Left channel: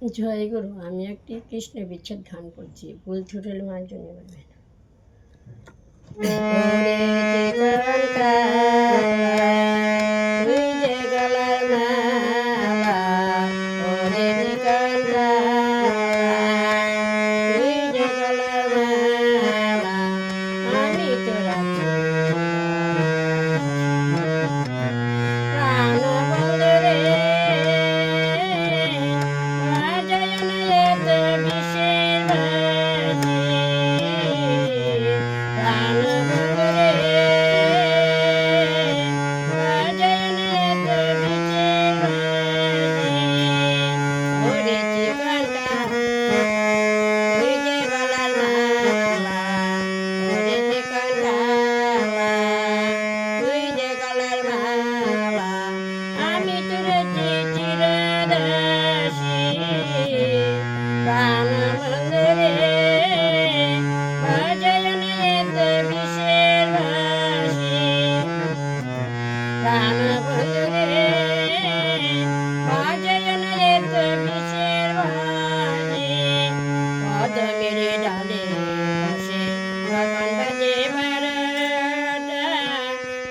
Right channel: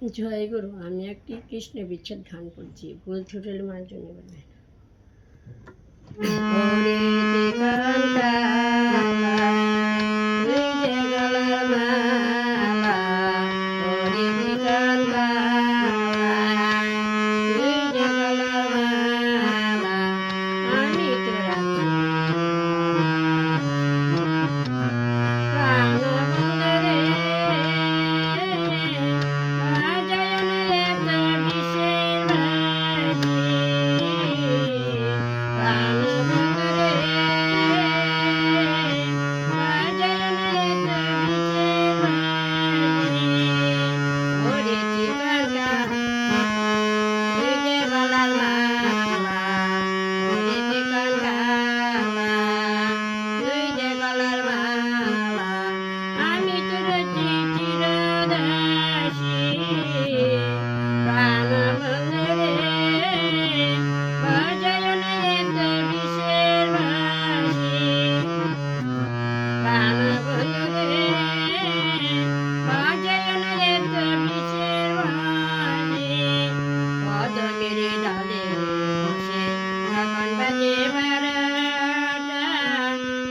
জয় গুরু। আমি একটি কৃষ্ণ বিচ্ছেদ গান করছি, ভুল ত্রুটি মার্জনী করবেন।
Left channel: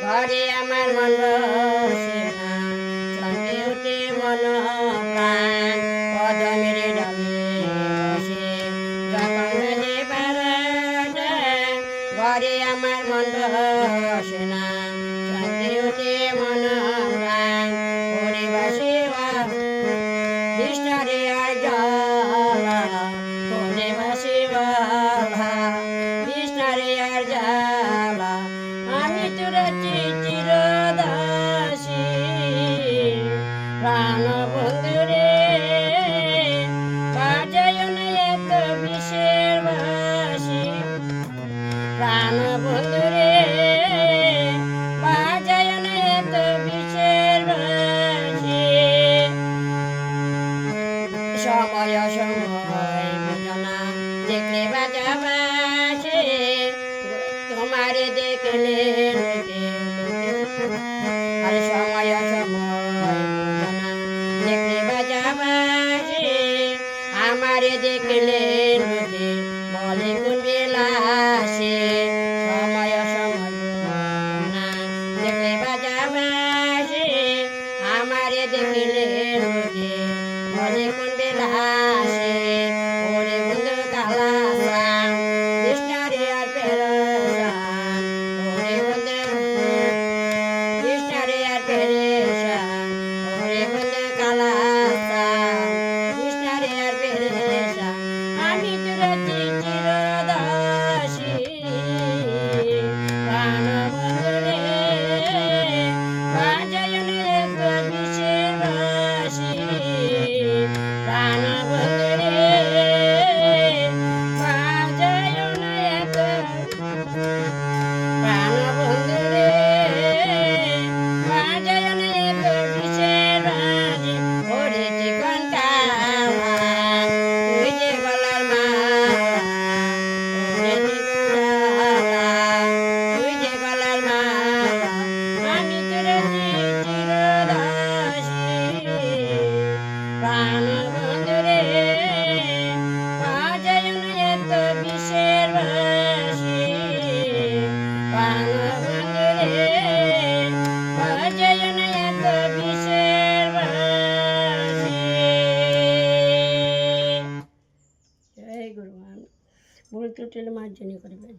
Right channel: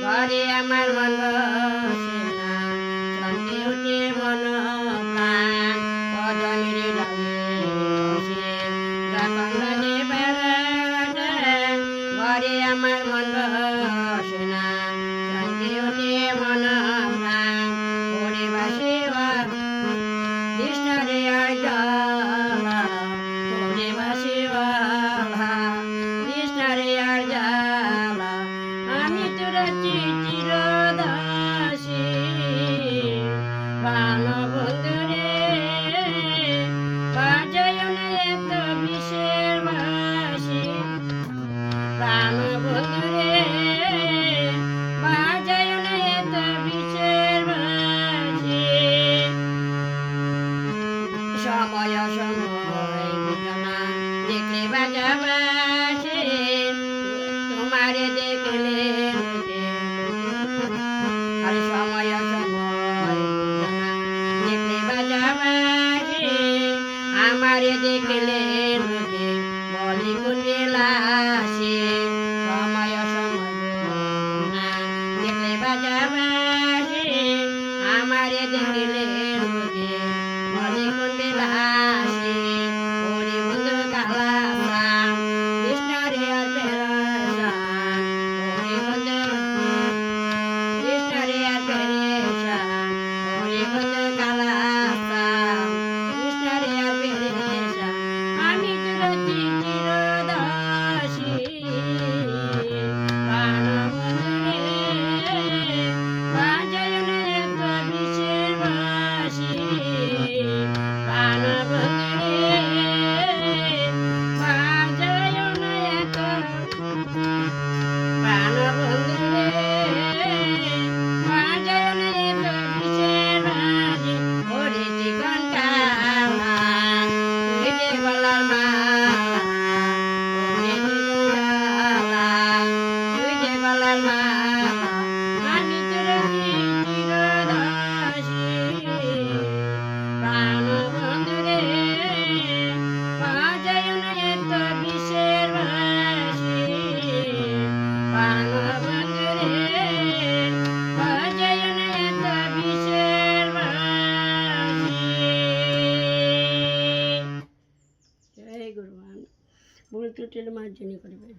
ঘরে আমার মন বসে না, চমকে ওঠে মন প্রাণ, পদ মেরে ডালে বসে যখন বাজে বারোটা। ঘরে আমার মন বসে না, চমকে ওঠে মন প্রাণ, ওরে বাসে কৃষ্ণরে আর জ্বালা, ওরে বাসে বালা কৃষ্ণরে আর জ্বালা। আমি তোর চিরদাসী প্রাণ বন্ধুরে, বাজায় না এত বিষের বাসি। প্রাণ বন্ধুরে, বাজায় না এত বিষের বাসি। সময় সময় বোঝনা দেখলে বাজা বাসে, তোমারে দেখলে আরে সময় সময় বোঝনা দেখলে বাজা বাসে, আমারে দেখলে বলে কুঞ্জে লাসে। সময় সময় বোঝনা দেখলে বাজা বাসে, আমারে দেখলে বলে কুঞ্জে লাসে। ওরে বন্ধু কালাসাম কৃষ্ণরে আর পেরেশান, ওরে বন্ধু কৃষ্ণরে আর পেরেশান, ওরে বন্ধু কালাসাম কৃষ্ণরে আর পেরেশান। আমি তোর চিরদাসী প্রাণ বন্ধুরে, বাজায় না এত বিষের বাসি। প্রাণ বন্ধুরে, বাজায় না এত, প্রাণ বন্ধুরে, বাজায় না এত বিষের বাসি। ওরে জীবন কামা তুই যে গলার মালা, ওরে জীবনমালা তুই যে গলার মালা। আমি তোর চিরদাসী প্রাণ বন্ধুরে, বাজায় না এত বিষের বাসি। প্রাণ বন্ধুরে, বাজায় না এত বিষের বাসি। জয় গুরু। ভুল ত্রুটি মার্জনী করবেন।